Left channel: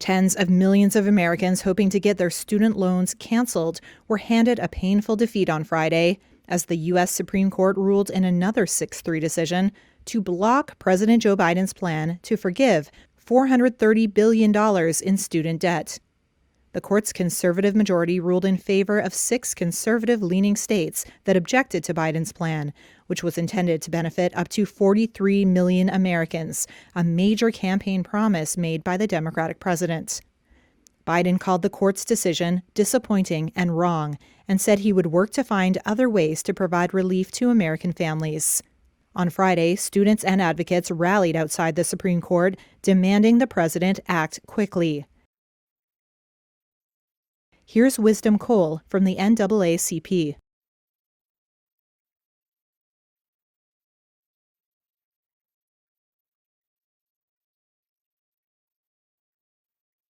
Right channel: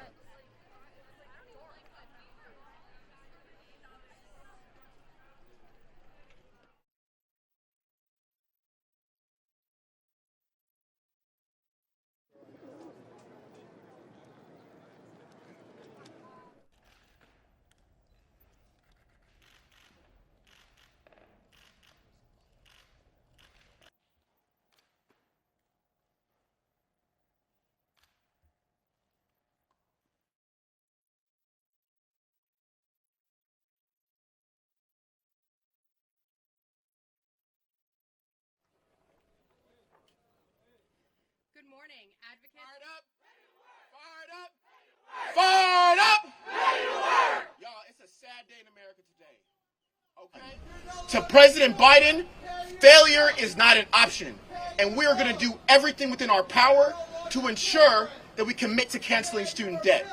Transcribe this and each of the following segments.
Tens of millions of Americans hoping to get their student loans canceled were handed a painful defeat on Friday as the U.S. Supreme Court ruled in another 6-3 decision to block President Joe Biden's plan to forgive $430 billion in student debt. The court's conservative majority ruled in favor of 6 conservative-leaning states that objected to Biden's plan, which was intended to benefit up to 43 million Americans, a major campaign promise made by the Democratic president. Biden called the court's decision disappointing and wrong and said he would work to find other ways to provide relief to American families. On Friday, students and advocates rallied outside the Supreme Court, demanding the president act quickly. Here's Wisdom Cole from the NAACP. To President Biden, failure is not an option, and we are going to do everything within our power to ensure that we commit to canceling student debt.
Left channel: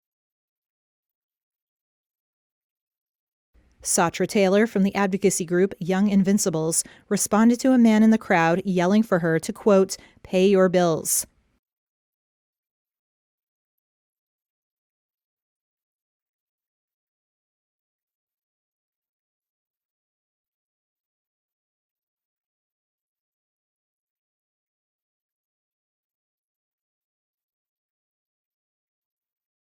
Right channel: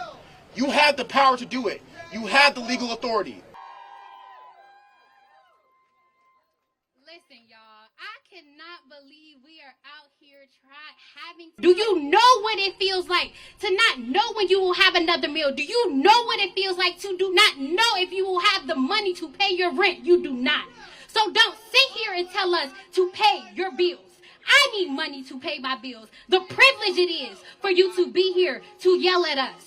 You have the power to do it. You have the legal authority. Satra Taylor from the advocacy group Young Invincibles responded to a man in the crowd yelling for her to, quote, pay your bills. Do you know what it feels like to not know when you will have another meal? Do you know what it feels like to do not know if you will have the money to pay your rent? You do not. So don't sit here and tell us to pay your bills. I need money to pay my bills. The privilege it is for you to be here to yell at us.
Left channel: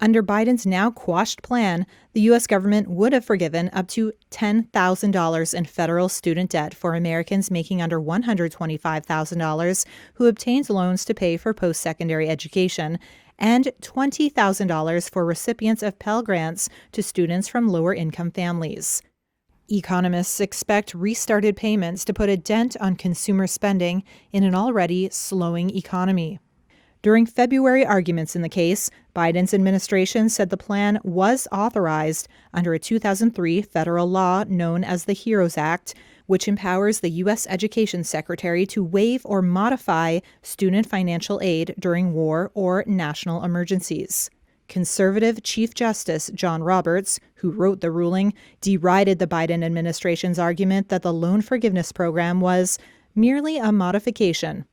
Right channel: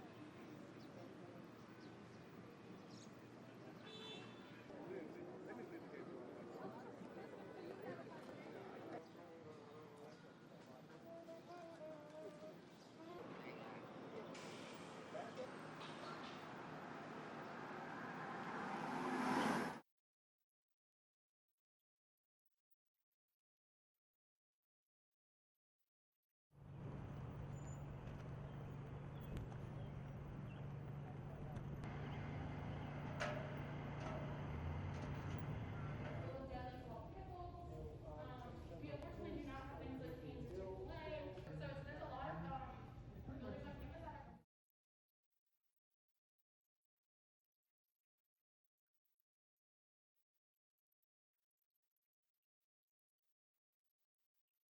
Under Biden's now quashed plan, the U.S. government would have forgiven up to $10,000 in federal student debt for Americans making under $125,000 who obtained loans to pay for post-secondary education, and $20,000 for recipients of Pell Grants to students from lower-income families. Economists expect restarted payments to put a dent on consumer spending in an already slowing economy. During February arguments in the case, Biden's administration said the plan was authorized under a 2003 federal law known as the HEROES Act, which empowers the U.S. Education Secretary to waive or modify student financial aid during war or national emergencies. Conservative Chief Justice John Roberts, who wrote the ruling, derided the Biden administration's argument that the loan forgiveness program was merely a modification.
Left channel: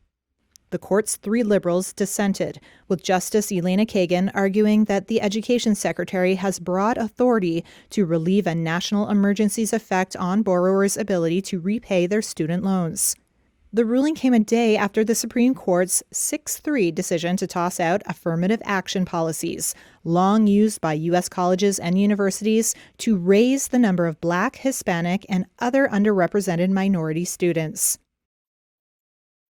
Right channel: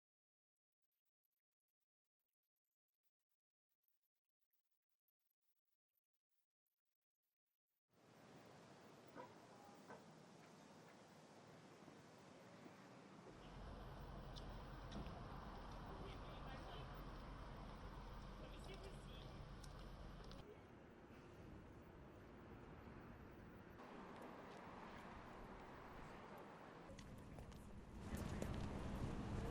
The court's 3 liberals dissented, with Justice Elena Kagan arguing that the Education Secretary has broad authority to relieve a national emergency's effect on borrowers' ability to repay their student loans. The ruling came a day after the Supreme Court's 6-3 decision to toss out affirmative action policies, long used by U.S. colleges and universities to raise the number of Black, Hispanic, and other underrepresented minority students.